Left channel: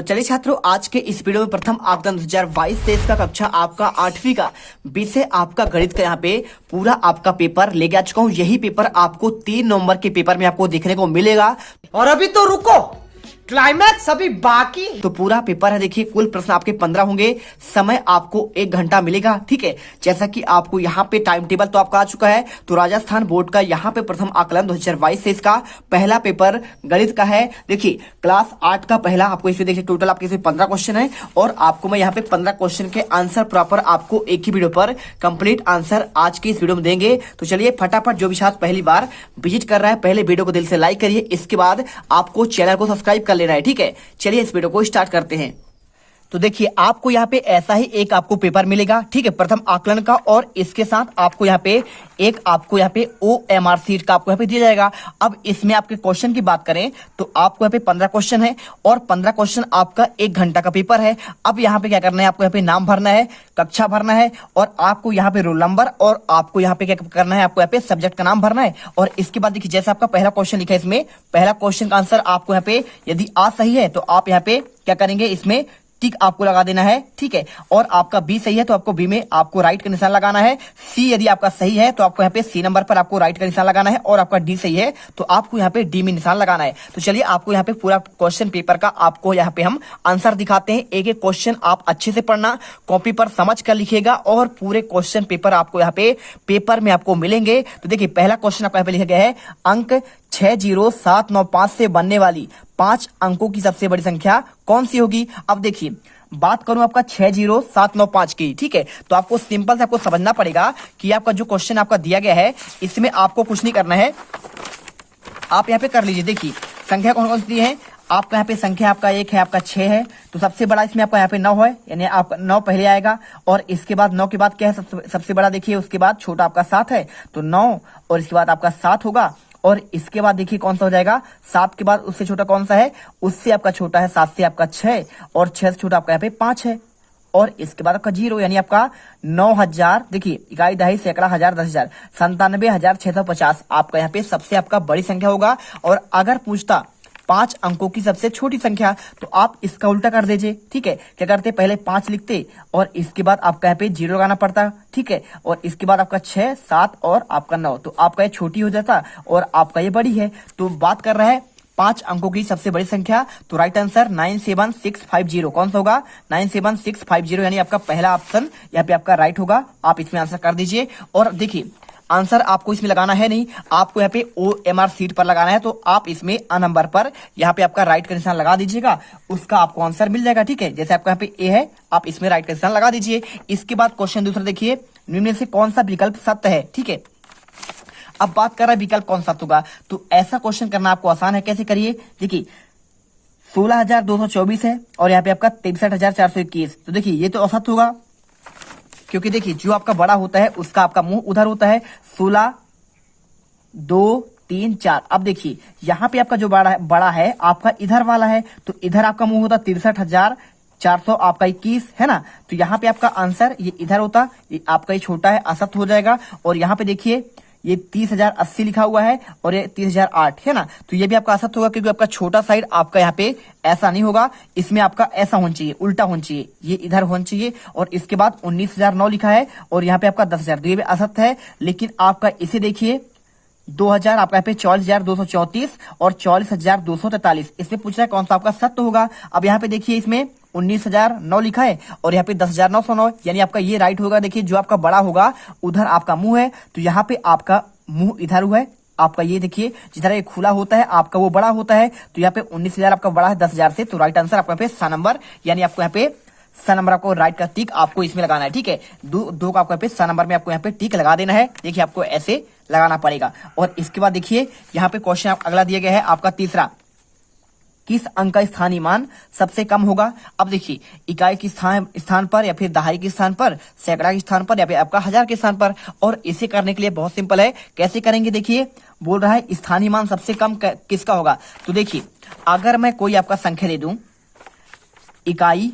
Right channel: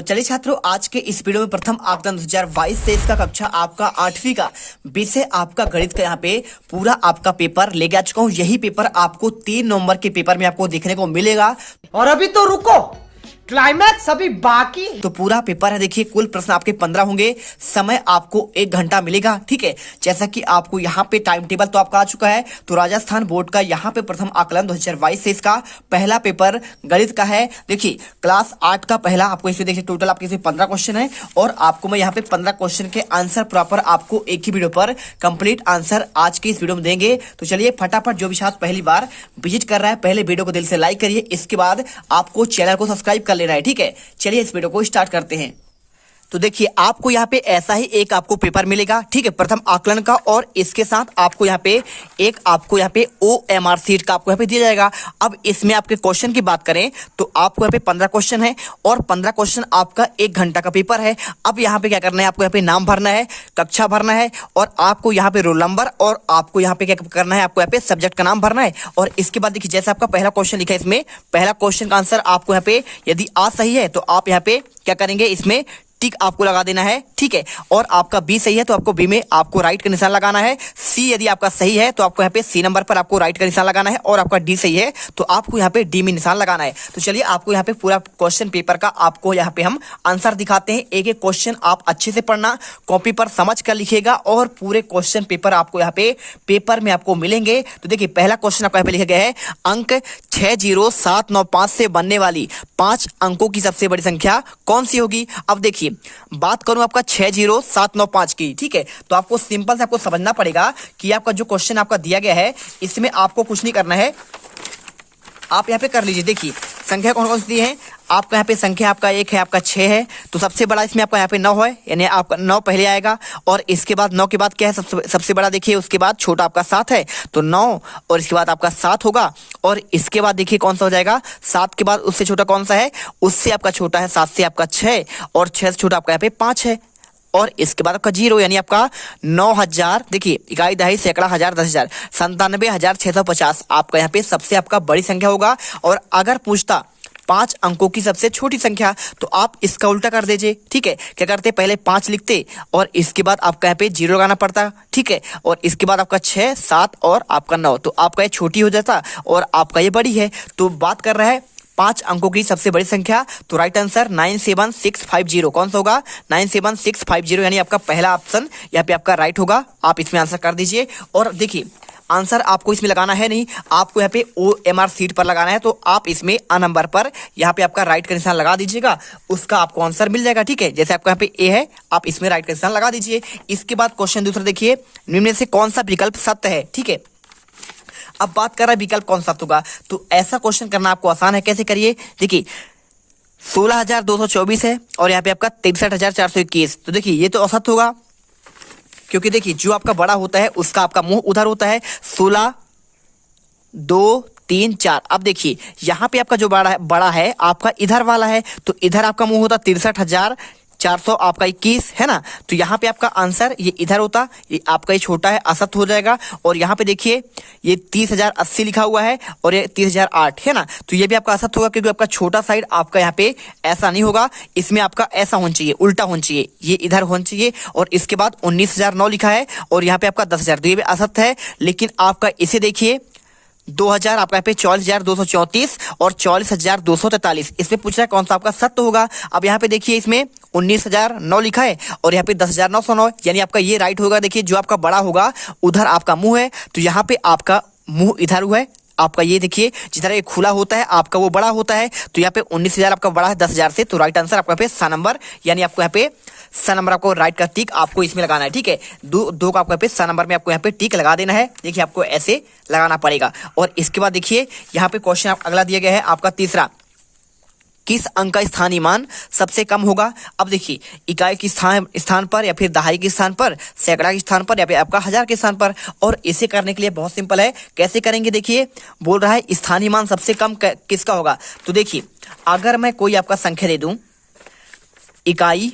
तो चलिए छात्रों, आज के इस वीडियो में प्रथम आकलन 2022 से इसका कक्षा आपका 8वीं का विषय आपका गणित का यहाँ पे पूरा आपका पेपर लेके आ चुका हूँ। यही पेपर आपको 3 नवंबर के पेपर में आपको देखने को मिलेगा। और अभी तो रुको, क्लाइमैक्स अभी बाकी। तो पूरा पेपर है, देखिए कुल प्रश्न आपके 15 होंगे, समय आपको 1 घंटा मिलेगा। ठीक है, जैसा कि आपको यहाँ पे टाइम टेबल तो आपका आ चुका है। तो राजस्थान बोर्ड का यहाँ पे प्रथम आकलन 2022 से इसका पहला पेपर गणित का है। देखिए क्लास 8 का पहला आपको इसमें देखिए टोटल आपके इसमें 15 क्वेश्चन है और आपको मैं यहाँ पे 15 क्वेश्चन के आंसर प्रॉपर आपको एक ही वीडियो पर कंप्लीट आंसर आज के इस वीडियो में देंगे। तो चलिए फटाफट, जो भी छात्र पहली बार विजिट कर रहा है पहले वीडियो को दिल से लाइक करिए, इसके बाद आपको चैनल को सब्सक्राइब कर लेना है। ठीक है, चलिए इस वीडियो को स्टार्ट करते हैं। तो देखिए आपको यहाँ पे ऐसा ही एक आपको पेपर मिलेगा। ठीक है, प्रथम आकलन का, और इसके साथ आपको यहाँ पे एक आपको यहाँ पे OMR सीट का आपको यहाँ पे दिया जाएगा। अब इसमें आपके क्वेश्चन की बात करें तो आपको यहाँ पे 15 क्वेश्चन है और 15 क्वेश्चन आपका 1 घंटा का पेपर है। अब यहाँ पे क्या करना है, आपको यहाँ पे नाम भरना है, कक्षा भरना है और आपको यहाँ पे रोल नंबर और आपको यहाँ पे क्या करना है, आपको यहाँ पे सब्जेक्ट का नाम भरना है। और इसके बाद देखिए जैसे आपका पहला क्वेश्चन लिखा है, इसमें पहला क्वेश्चन का आंसर आपको यहाँ पे यदि आ सही है तो आप यहाँ पे क्या करेंगे, इसमें टिक आपको लगा देना है। ठीक है, और आपका बी सही है तो आपको बी में आपको राइट का निशान लगाना है। सी यदि आपका सही है तो आपको यहाँ पे सी नंबर पर आपको राइट का निशान लगाना है और आपका डी सही है तो आपको यहाँ पे डी में निशान लगाना है। तो चलिए आपको यहाँ पे पूरा क्वेश्चन पेपर का आपको यहाँ पे हम आंसर दिखाते हैं। एक एक क्वेश्चन आप अच्छे से पढ़ना, कॉपी पर समझ कर लिखिएगा और पूरे क्वेश्चन पेपर आपको यहाँ पे पेपर में आपको मिलेंगे। तो देखिए पहला क्वेश्चन आपको यहाँ पे लिखा गया है, अंक 60795 से बनने वाली 5 अंकों की सबसे बड़ी संख्या कौन सी होगी। अब देखिए बात करूं आपका 60795 की। ठीक है, तो आपको सिंपल से आपको समझना पड़ेगा कि आपका जो क्वेश्चन आपका दिया गया है इसमें आपको कुछ नहीं करना है, आप यहाँ पे कर लीजिए। देखिए संख्या कौन कौन सी है, आपका यहाँ पे संख्या आपका 1 है, आपका 6 है, तो सबसे बड़ा इसमें आपका यहाँ पे 9 है, यानी आपका 9 पहले आएगा और इसके बाद 9 के बाद क्या है, सबसे बड़ा देखिए, उसके बाद छोटा आपका 7 है तो 9 और इसके बाद आपका 7 होगा और इसके बाद देखिए कौन सा हो जाएगा, 7 के बाद उससे छोटा कौन सा है, उससे आपका छोटा है 7 से आपका 6 और 6 से छोटा आपका यहाँ पे 5 है और इसके बाद आपका 0 यानी आपका 9000, देखिए इकाई दहाई सैकड़ा हजार 10,000 97,650 आपका यहाँ पे सबसे आपका बड़ी संख्या होगा। और अगर पूछता 5 अंकों की सबसे छोटी संख्या तो आप इसका उल्टा कर दीजिए। ठीक है, क्या करते, पहले 5 लिखते और इसके बाद आपका यहाँ पे 0 लगाना पड़ता। ठीक है, और इसके बाद आपका 6, 7 और आपका 9, तो आपका ये छोटी हो जाता और आपका ये बड़ी है। तो बात कर रहा है 5 अंकों की सबसे बड़ी संख्या, तो राइट आंसर 97650 कौन सा होगा, 97650 यानी आपका पहला ऑप्शन यहाँ पे आपका राइट होगा। आप इसमें आंसर कर दीजिए। और देखिए आंसर आपको इसमें लगाना है नहीं, आपको यहाँ पे OMR सीट पर लगाना है, तो आप इसमें A नंबर पर यहाँ पे आपका राइट का निशान लगा दीजिएगा, उसका आपको आंसर मिल जाएगा। ठीक है, जैसे आपका यहाँ पे A है आप इसमें राइट का निशान लगा दीजिए। इसके बाद क्वेश्चन दूसरा देखिए, निम्न में से कौन सा विकल्प सत्य है। ठीक है, अब बात कर रहा है विकल्प कौन सा होगा, तो ऐसा क्वेश्चन करना आपको आसान है। कैसे करिए, देखिए 16,224 है और यहाँ पे आपका 63,421, तो देखिए ये तो असत्य होगा, क्योंकि देखिए जो आपका बड़ा होता है उसका आपका मुंह उधर होता है। 16, 2, 3, 4। अब देखिए यहाँ पे आपका जो बड़ा है आपका इधर वाला है, तो इधर आपका मुंह होता 63,400 आपका 21 है ना, तो यहाँ पे आपका आंसर ये इधर होता, ये आपका ये छोटा है, असत्य हो जाएगा। और यहाँ पे देखिए ये 30,080 लिखा हुआ है और ये 30,008 है ना, तो ये भी आपका असत्य होगा, क्योंकि आपका छोटा साइड आपका यहाँ पे ऐसा नहीं होगा, इसमें आपका ऐसा होना चाहिए, उल्टा होना चाहिए, ये इधर होना चाहिए। और इसके बाद 19,009 लिखा है और यहाँ पे आपका 10,000, तो ये भी असत्य है। लेकिन आपका इसे देखिए 2000 आपका यहाँ पे 44,234 और 44,243, इसमें पूछ रहा है कौन सा आपका सत्य होगा। अब यहाँ पे देखिए इसमें 19,009 लिखा है और यहाँ पे 10,909, यानी आपका ये राइट होगा। देखिए जो आपका बड़ा होगा उधर आपका मुंह है, तो यहाँ पे आपका मुंह इधर हुआ है, आपका ये देखिए जिधर ये खुला होता है आपका वो बड़ा होता है, तो यहाँ पे 19,000 आपका बड़ा है 10,000 से, तो राइट आंसर आपका पे सा नंबर, यानी आपको यहाँ पे सा नंबर आपको राइट का टिक आपको इसमें लगाना है। ठीक है, दो का आपको यहाँ पे सा नंबर में आपको यहाँ पे टिक लगा देना है। देखिए आपको ऐसे लगाना पड़ेगा। और इसके बाद देखिए यहाँ पे क्वेश्चन अगला दिया गया है आपका तीसरा, किस अंक का स्थानीय मान सबसे कम होगा। अब देखिए इकाई के स्थान पर या फिर दहाई के स्थान पर, सैकड़ा के स्थान पर या फिर आपका हजार के स्थान पर। और इसे करने के लिए बहुत सिंपल है, कैसे करेंगे, देखिए बोल रहा है स्थानीय मान सबसे कम किसका होगा। तो देखिए अगर मैं कोई आपका संख्या दे दूं, इकाई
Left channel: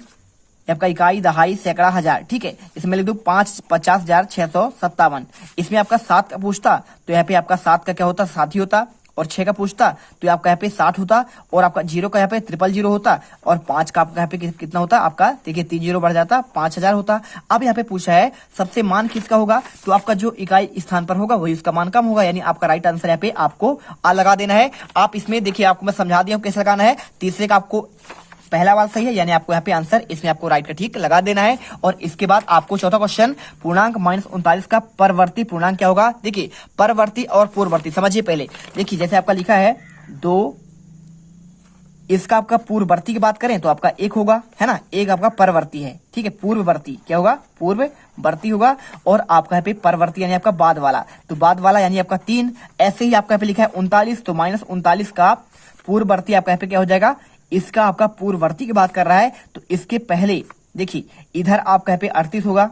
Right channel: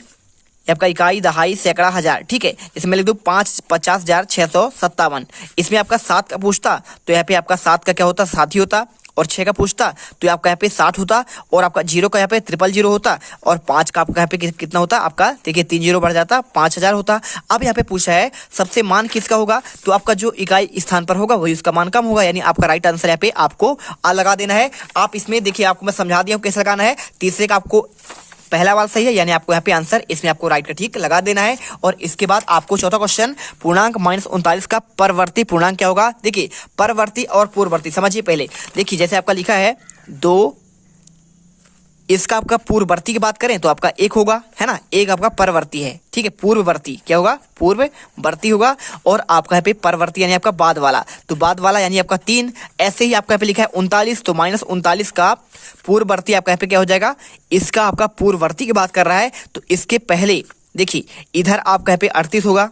आपका इकाई दहाई सैकड़ा हजार, ठीक है, इसमें लिख दो 50,657, इसमें आपका 7 का पूछता तो यहाँ पे आपका 7 का क्या होता, 7 ही होता। और 6 का पूछता तो आपका यहाँ पे 60 होता, और आपका 0 का यहाँ पे 000 होता, और 5 का आपका यहाँ पे कितना होता आपका, देखिए 3 0 बढ़ जाता 5000 होता। अब यहाँ पे पूछा है सबसे मान किसका होगा, तो आपका जो इकाई स्थान पर होगा वही उसका मान कम होगा, यानी आपका राइट आंसर यहाँ पे आपको आ लगा देना है। आप इसमें देखिए आपको मैं समझा दिया हूँ कैसे लगाना है। तीसरे का आपको पहला वाला सही है, यानी आपको यहाँ पे आंसर इसमें आपको राइट का ठीक लगा देना है। और इसके बाद आपको चौथा क्वेश्चन, पूर्णांक -39 का परवर्ती पूर्णांक क्या होगा। देखिए परवर्ती और पूर्ववर्ती समझिए पहले। देखिए जैसे आपका लिखा है 2, इसका आपका पूर्ववर्ती की बात करें तो आपका 1 होगा, है ना, 1 आपका परवर्ती है, ठीक है। पूर्ववर्ती क्या होगा, पूर्ववर्ती होगा, और आपका यहाँ पे परवर्ती यानी आपका बाद वाला, तो बाद वाला यानी आपका 3। ऐसे ही आपका यहाँ पे लिखा है 39, तो -39 का पूर्ववर्ती आपका यहाँ पे क्या हो जाएगा, इसका आपका पूर्ववर्ती की बात कर रहा है तो इसके पहले देखिए इधर आपका यहाँ पे 38 होगा,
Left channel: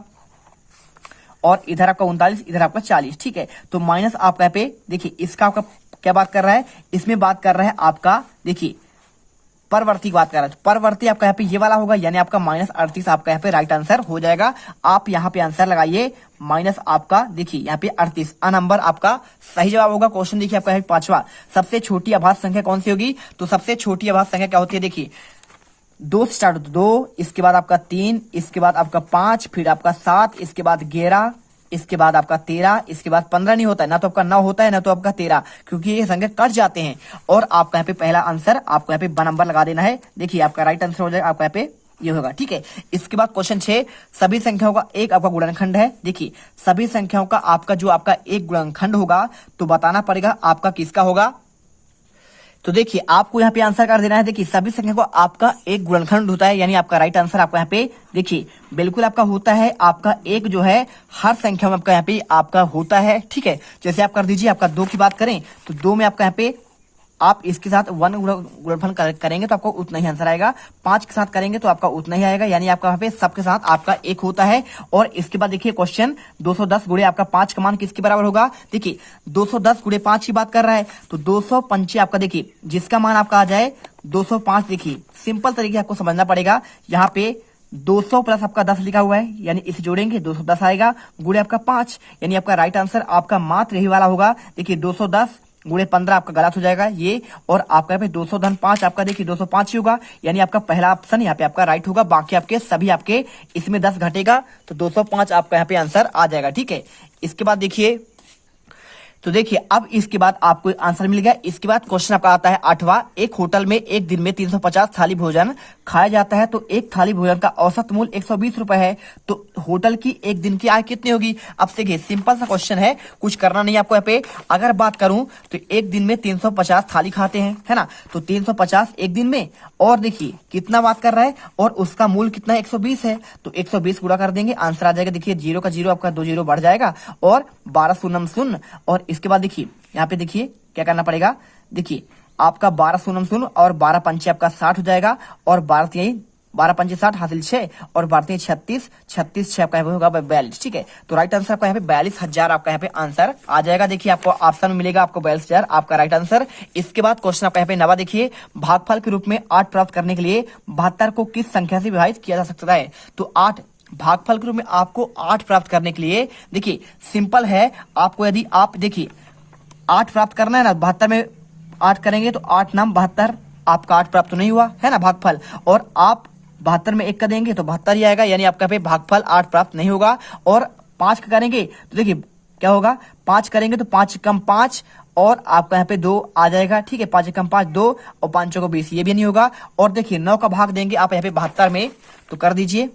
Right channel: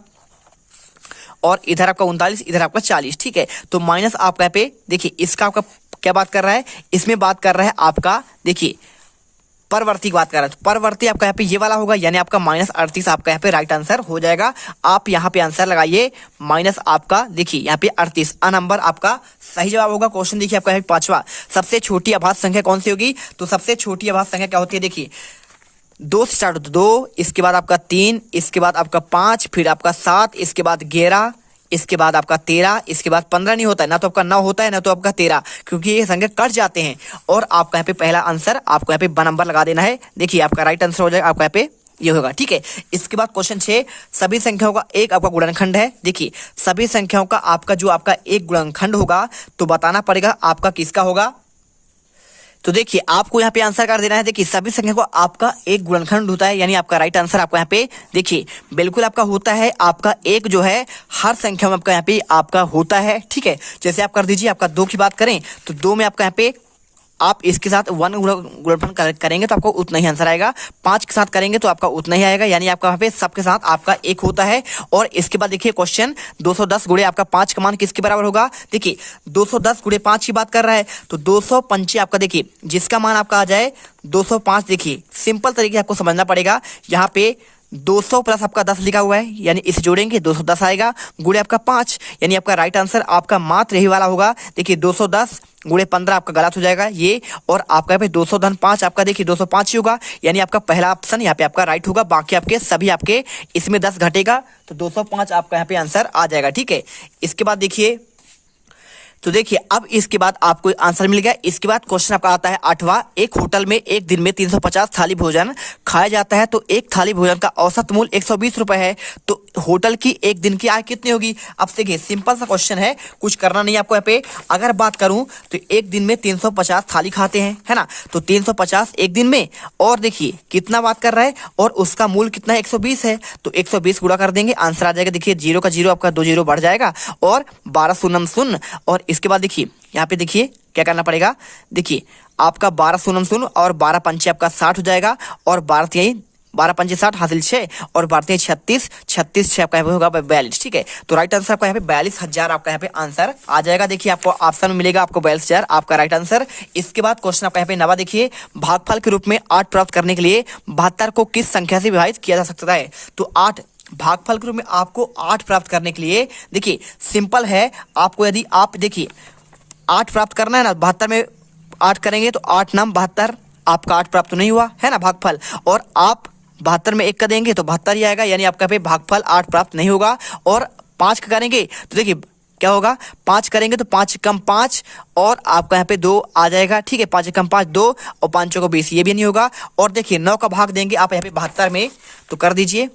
और इधर आपका 39, इधर आपका 40, ठीक है। तो माइनस आपका यहाँ पे देखिए इसका आपका क्या बात कर रहा है, इसमें बात कर रहा है आपका देखिए परवर्ती की बात कर रहा है, तो परवर्ती आपका यहाँ पे ये वाला होगा, यानी आपका -38 आपका यहाँ पे राइट आंसर हो जाएगा। आप यहाँ पे आंसर लगाइए माइनस आपका देखिए यहाँ पे 38 नंबर आपका सही जवाब होगा। क्वेश्चन देखिए आपका है 5वां, सबसे छोटी अभाज्य संख्या कौन सी होगी, तो सबसे छोटी अभाज्य संख्या क्या होती है, देखिए 2 से स्टार्ट होता है, 2, इसके बाद आपका 3, इसके बाद आपका 5, फिर आपका 7, इसके बाद 11, इसके बाद आपका 13, इसके बाद 15 नहीं होता है, ना तो आपका 9 होता है ना तो आपका 13, क्योंकि ये संख्या कट जाते हैं। और आपका यहाँ पे पहला आंसर आपको यहाँ पे ब नंबर लगा देना है। देखिए आपका राइट आंसर हो जाएगा आपका यहाँ पे ये होगा, ठीक है। इसके बाद क्वेश्चन 6, सभी संख्याओं का एक आपका गुणनखंड है। देखिए सभी संख्याओं का आपका जो आपका एक गुणनखंड होगा तो बताना पड़ेगा आपका किसका होगा। तो देखिए आपको यहाँ पे आंसर कर देना है। देखिए सभी संख्या को आपका एक गुणनखंड होता है, यानी आपका राइट आंसर आपका यहाँ पे देखिए बिल्कुल आपका होता है, आपका एक जो है हर संख्या में आपका यहाँ पे आपका होता है, ठीक है। जैसे आप कर दीजिए आपका 2 की बात करें तो 2 में आपका यहाँ पे आप इसके साथ 1 गुणनफल करेंगे तो आपको उतना ही आंसर आएगा, 5 के साथ करेंगे तो आपका उतना ही आएगा, यानी आपका यहाँ पे सबके साथ आपका 1 होता है। और इसके बाद देखिए क्वेश्चन 210 गुणे आपका 5 का मान किसके बराबर होगा। देखिए 210 गुणे 5 की बात कर रहा है तो 205 आपका देखिए जिसका मान आपका आ जाए 205। देखिए सिंपल तरीके आपको समझना पड़ेगा, यहाँ पे 200 प्लस आपका 10 लिखा हुआ है, यानी इसे जोड़ेंगे 210 आएगा, गुणे आपका 5, यानी आपका राइट आंसर आपका मात्र यही वाला होगा। देखिए 210 गुणे 15 आपका गलत हो जाएगा ये, और आपका यहाँ पे 200 धन 5 आपका देखिए 205 ही होगा, यानी आपका पहला ऑप्शन यहाँ पे आपका राइट होगा। बाकी आपके सभी आपके इसमें 10 घटेगा तो 205 आपका यहाँ पे आंसर आ जाएगा, ठीक है। इसके बाद देखिए तो देखिए अब इसके बाद आपको आंसर मिल गया। इसके बाद क्वेश्चन आपका आता है 8वां, एक होटल में एक दिन में 350 थाली भोजन खाया जाता है तो एक थाली भोजन का औसत मूल्य 120 रुपए है, तो होटल की एक दिन की आय कितनी होगी। अब देखिए सिंपल सा क्वेश्चन है, कुछ करना नहीं आपको यहाँ पे। अगर बात करूं तो एक दिन में 350 थाली खाते हैं, है ना, तो 350 एक दिन में, और देखिए कितना बात कर रहा है, और उसका मूल्य कितना है 120 है, तो 120 गुणा कर देंगे आंसर आ जाएगा। देखिए 0 का 0 आपका 2 0 बढ़ जाएगा, और 12 शून्य शून्य, और इसके बाद देखिए यहाँ पे देखिए क्या करना पड़ेगा। देखिए आपका 12 शून्य शून्य और 12 पंचे आपका 60 हो जाएगा, और 12 पंचे 60 हासिल 6, और 12 36, 36 6 आपका होगा 42, ठीक है। तो राइट आंसर आपका यहाँ पे 42,000 आपका यहाँ पे आंसर आ जाएगा। देखिए आपको ऑप्शन में मिलेगा आपको 42,000 आपका राइट आंसर। इसके बाद क्वेश्चन आपका यहाँ पे 9वां देखिए, भागफल के रूप में 8 प्राप्त करने के लिए 72 को किस संख्या से विभाजित किया जा सकता है। तो 8 भागफल के रूप में आपको 8 प्राप्त करने के लिए देखिए सिंपल है, आपको यदि आप देखिए 8 प्राप्त करना है ना, 72 में 8 करेंगे तो 8 नाम 72, आपका 8 प्राप्त तो नहीं हुआ है ना भागफल, और आप 72 में 1 का देंगे तो 72 ही आएगा, यानी आपका पे भागफल 8 प्राप्त नहीं होगा। और 5 का करेंगे तो देखिए क्या होगा, 5 करेंगे तो 5 कम 5, और आपका यहाँ पे 2 आ जाएगा, ठीक है। 5 कम 5 2, और 5 को 20, ये भी नहीं होगा। और देखिए 9 का भाग देंगे आप यहाँ पे 72 में, तो कर दीजिए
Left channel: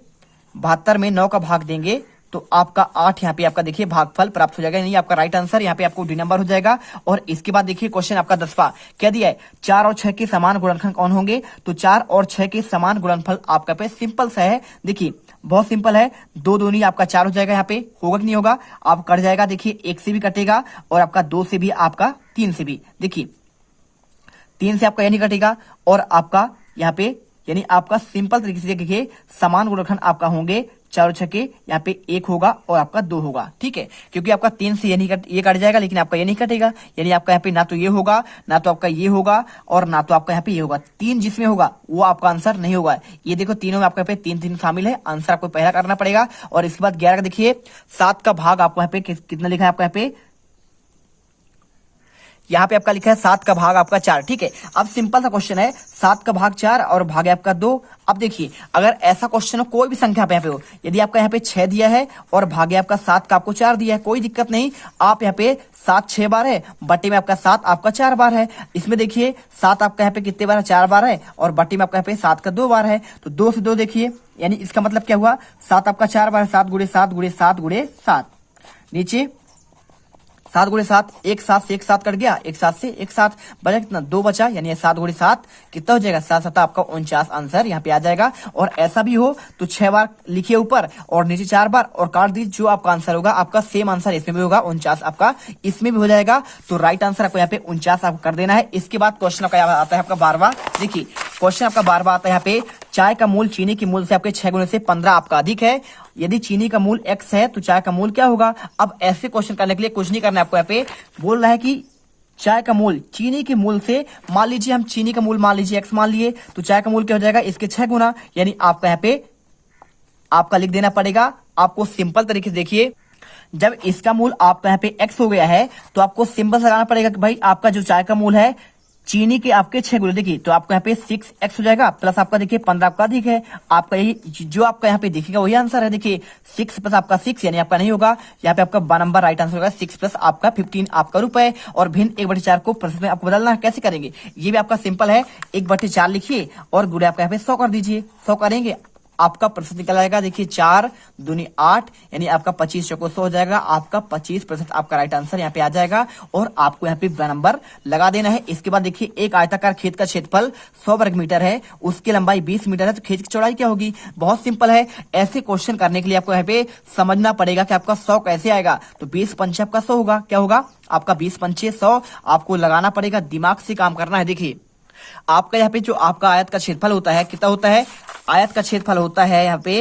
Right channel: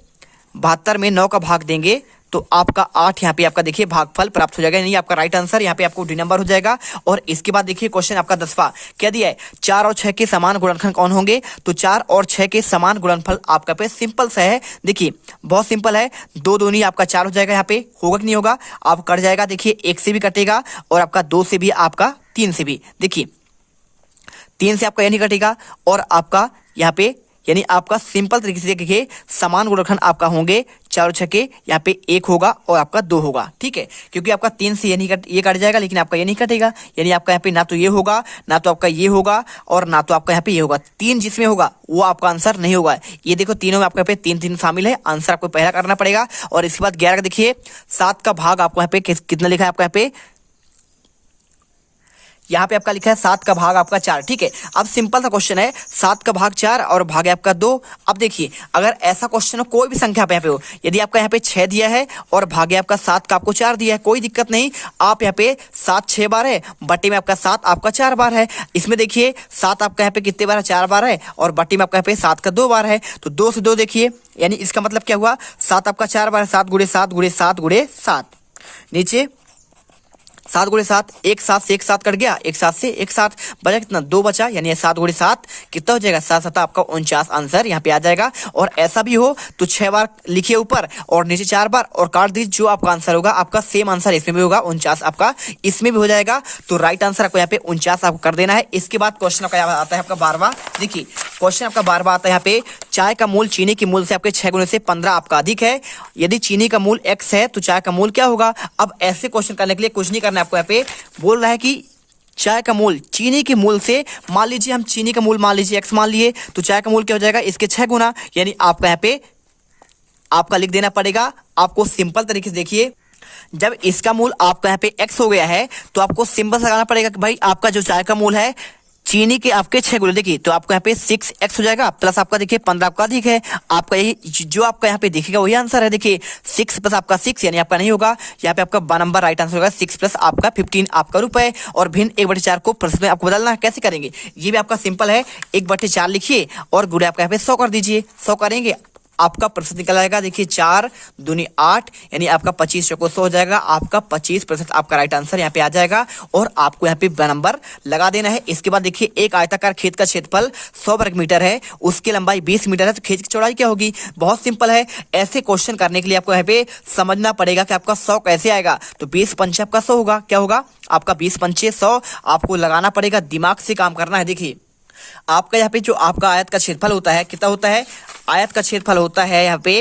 72 में 9 का भाग देंगे तो आपका 8 यहाँ पे आपका देखिए भागफल प्राप्त हो जाएगा, यानी आपका राइट आंसर यहाँ पे आपको डी नंबर हो जाएगा। और इसके बाद देखिए क्वेश्चन आपका 10वां क्या दिया है, 4 और 6 के समान गुणनखंड कौन होंगे। तो 4 और 6 के समान गुणनफल आपका पे सिंपल सा है, देखिए बहुत सिंपल है, 2 दूनी आपका 4 हो जाएगा, यहाँ पे होगा कि नहीं होगा, आप कट जाएगा, देखिए 1 से भी कटेगा, और आपका 2 से भी, आपका 3 से भी, देखिए 3 से आपका यानी कटेगा, और आपका यहाँ पे यानी आपका सिंपल तरीके से देखिए समान गुणनखंड आपका होंगे 4 और 6 के, यहाँ पे 1 होगा और आपका 2 होगा, ठीक है। क्योंकि आपका 3 से ये कट जाएगा, लेकिन आपका ये नहीं कटेगा, यानी आपका यहाँ पे ना तो ये होगा, ना तो आपका ये होगा, और ना तो आपका यहाँ पे ये होगा। 3 जिसमें होगा वो आपका आंसर नहीं होगा। ये देखो तीनों में आपका यहाँ पे 3 शामिल है, आंसर आपको पहला करना पड़ेगा। और इसके बाद 11 का देखिए 7 का भाग आपको यहाँ पे कितना लिखा है, आपका यहाँ पे यहाँ पे आपका लिखा है 7 का भाग आपका 4, ठीक है। अब सिंपल सा क्वेश्चन है, 7 का भाग 4 और भाग है आपका 2। अब देखिए अगर ऐसा क्वेश्चन हो, कोई भी संख्या पे यहाँ पे हो, यदि आपका यहाँ पे 6 दिया है और भाग है आपका 7 का आपको 4 दिया है, कोई दिक्कत नहीं। आप यहाँ पे 7 6 बार है, बटे में आपका 7 आपका 4 बार है। इसमें देखिए 7 आपका यहाँ पे कितने बार है, 4 बार है, और बटे में आपका यहाँ पे 7 का 2 बार है। तो 2 से 2 देखिए, यानी इसका मतलब क्या हुआ, 7 आपका 4 बार है, 7 गुणे 7 गुणे 7 गुणे 7, नीचे 7 गुणे 7, एक 7 से एक 7 कट गया, एक 7 से एक 7 बचा, कितना 2 बचा, यानी 7 गुणे 7 कितना हो जाएगा, 7 7 आपका 49 आंसर यहाँ पे आ जाएगा। और ऐसा भी हो तो 6 बार लिखिए ऊपर और नीचे 4 बार और काट दीजिए, जो आपका आंसर होगा आपका सेम आंसर इसमें भी होगा, 49 आपका इसमें भी हो जाएगा। तो राइट आंसर आपको यहाँ पे 49 आपको कर देना है। इसके बाद क्वेश्चन आपका आता है आपका 12वां। देखिए क्वेश्चन आपका 12वां आता है यहाँ पे, चाय का मूल चीनी के मूल से आपके 6 गुने से 15 आपका अधिक है, यदि चीनी का मूल x है तो चाय का मूल क्या होगा। अब ऐसे क्वेश्चन करने के लिए कुछ नहीं करना है आपको, यहाँ पे बोल रहा है कि चाय का मूल चीनी के मूल से, मान लीजिए हम चीनी का मूल मान लीजिए x मान लिए, तो चाय का मूल क्या हो जाएगा, इसके 6 गुना, यानी आपका यहाँ पे आपका लिख देना पड़ेगा। आपको सिंपल तरीके से देखिए, जब इसका मूल आपका यहाँ पे x हो गया है तो आपको सिंपल से लगाना पड़ेगा कि भाई आपका जो चाय का मूल है चीनी के आपके 6 गुने, देखिए तो आपको यहाँ पे 6x हो जाएगा, प्लस आपका देखिए 15 आपका अधिक है, आपका यही जो आपका यहाँ पे दिखेगा वही आंसर है। देखिए 6 प्लस आपका 6 यानी आपका नहीं होगा, यहाँ पे आपका नंबर राइट आंसर होगा 6 प्लस आपका 15 आपका रुपए। और भिन्न 1/4 को प्रश्न में आपको बदलना है, कैसे करेंगे, ये भी आपका सिंपल है, 1/4 लिखिए और गुणे आपका यहाँ पे 100 कर दीजिए, 100 करेंगे आपका प्रतिशत निकल आएगा। देखिए 4 दूनी 8, यानी आपका 25 चौको 100 हो जाएगा, आपका 25% आपका राइट आंसर यहाँ पे आ जाएगा। और आपको यहाँ पे नंबर लगा देना है। इसके बाद देखिए एक आयताकार खेत का क्षेत्रफल 100 वर्ग मीटर है, उसकी लंबाई 20 मीटर है, तो खेत की चौड़ाई क्या होगी। बहुत सिंपल है, ऐसे क्वेश्चन करने के लिए आपको यहाँ पे समझना पड़ेगा कि आपका 100 कैसे आएगा। तो 20 पंचे आपका 100 होगा, क्या होगा आपका 20 पंचे 100, आपको लगाना पड़ेगा, दिमाग से काम करना है। देखिए आपका यहाँ पे जो आपका आयत का क्षेत्रफल होता है, कितना होता है, आयत का क्षेत्रफल होता है यहाँ पे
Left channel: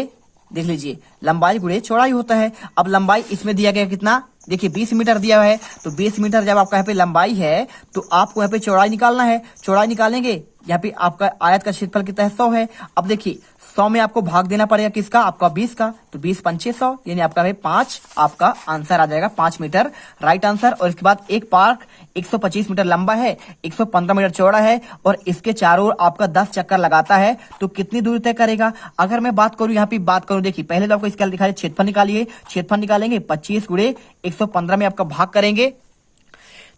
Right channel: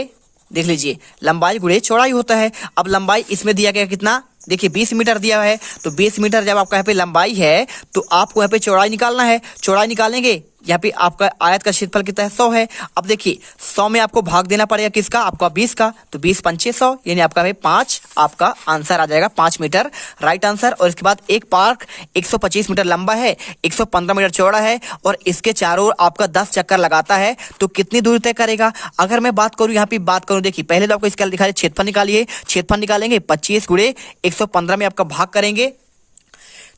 देख लीजिए लंबाई गुणे चौड़ाई होता है। अब लंबाई इसमें दिया गया कितना, देखिए 20 मीटर दिया है, तो 20 मीटर जब आपका यहाँ पे लंबाई है तो आपको यहाँ पे चौड़ाई निकालना है। चौड़ाई निकालेंगे, यहाँ पे आपका आयत का क्षेत्रफल कितना है, 100 है। अब देखिए 100 में आपको भाग देना पड़ेगा किसका, आपका 20 का, तो 20 पंचे 100, यानी आपका 5 आपका आंसर आ जाएगा, 5 मीटर राइट आंसर। और इसके बाद एक पार्क 125 मीटर लंबा है, 115 मीटर चौड़ा है, और इसके चारों ओर आपका 10 चक्कर लगाता है, तो कितनी दूरी तय करेगा। अगर मैं बात करूं यहाँ पे बात करूं, देखिए पहले तो आपको इसका दिखाई क्षेत्रफल निकालिए, क्षेत्रफल निकालेंगे 25 गुणे 115 में आपका भाग करेंगे।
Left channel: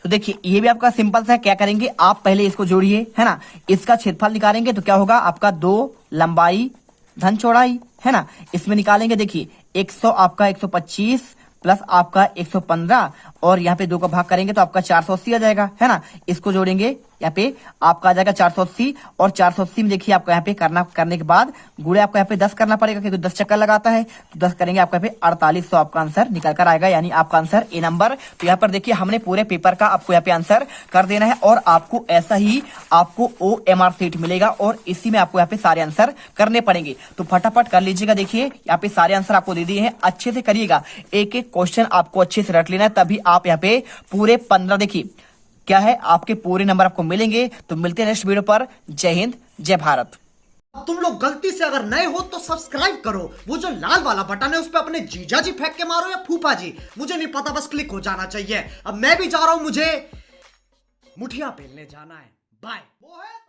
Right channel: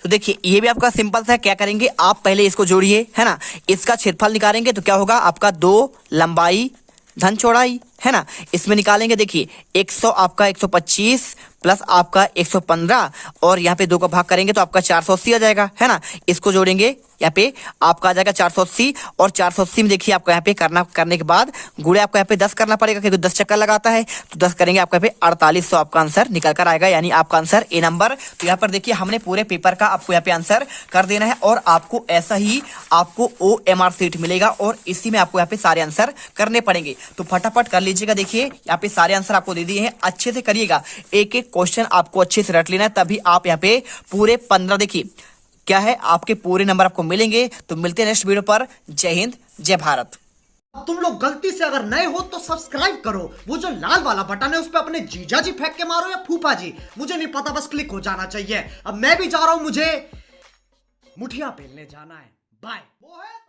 तो देखिए ये भी आपका सिंपल सा है, क्या करेंगे आप पहले इसको जोड़िए, है ना, इसका क्षेत्रफल निकालेंगे तो क्या होगा आपका 2 लंबाई धन चौड़ाई, है ना, इसमें निकालेंगे देखिए 100 आपका 125 प्लस आपका 115 और यहाँ पे 2 का भाग करेंगे तो आपका 480 आ जाएगा, है ना। इसको जोड़ेंगे यहाँ पे आपका आ जाएगा 480, और 480 में देखिए आपका यहाँ पे करने के बाद गुणे आपको यहाँ पे 10 करना पड़ेगा क्योंकि 10 चक्कर लगाता है, तो 10 करेंगे आपका यहाँ पे 4800 आपका आंसर निकल कर आएगा, यानी आपका आंसर ए नंबर। तो यहाँ पर देखिए हमने पूरे पेपर का आपको यहाँ पे आंसर कर देना है, और आपको ऐसा ही आपको OMR सीट मिलेगा और इसी में आपको यहाँ पे सारे आंसर करने पड़ेंगे। तो फटाफट कर लीजिएगा, देखिए यहाँ पे सारे आंसर आपको दे दिए हैं, अच्छे से करिएगा, एक एक क्वेश्चन आपको अच्छे से रट लेना है, तभी आप यहाँ पे पूरे 15 देखिए क्या है आपके पूरे नंबर आपको मिलेंगे। तो मिलते हैं नेक्स्ट वीडियो पर। जय हिंद जय भारत। अब तुम लोग गलती से अगर नए हो तो सब्सक्राइब करो, वो जो लाल वाला बटन है उस पर अपने जीजा जी फेंक के मारो या फूफा जी, मुझे नहीं पता, बस क्लिक हो जाना चाहिए। अब मैं भी जा रहा हूं, मुझे मुठिया पेलने जाना है। बाय। वो है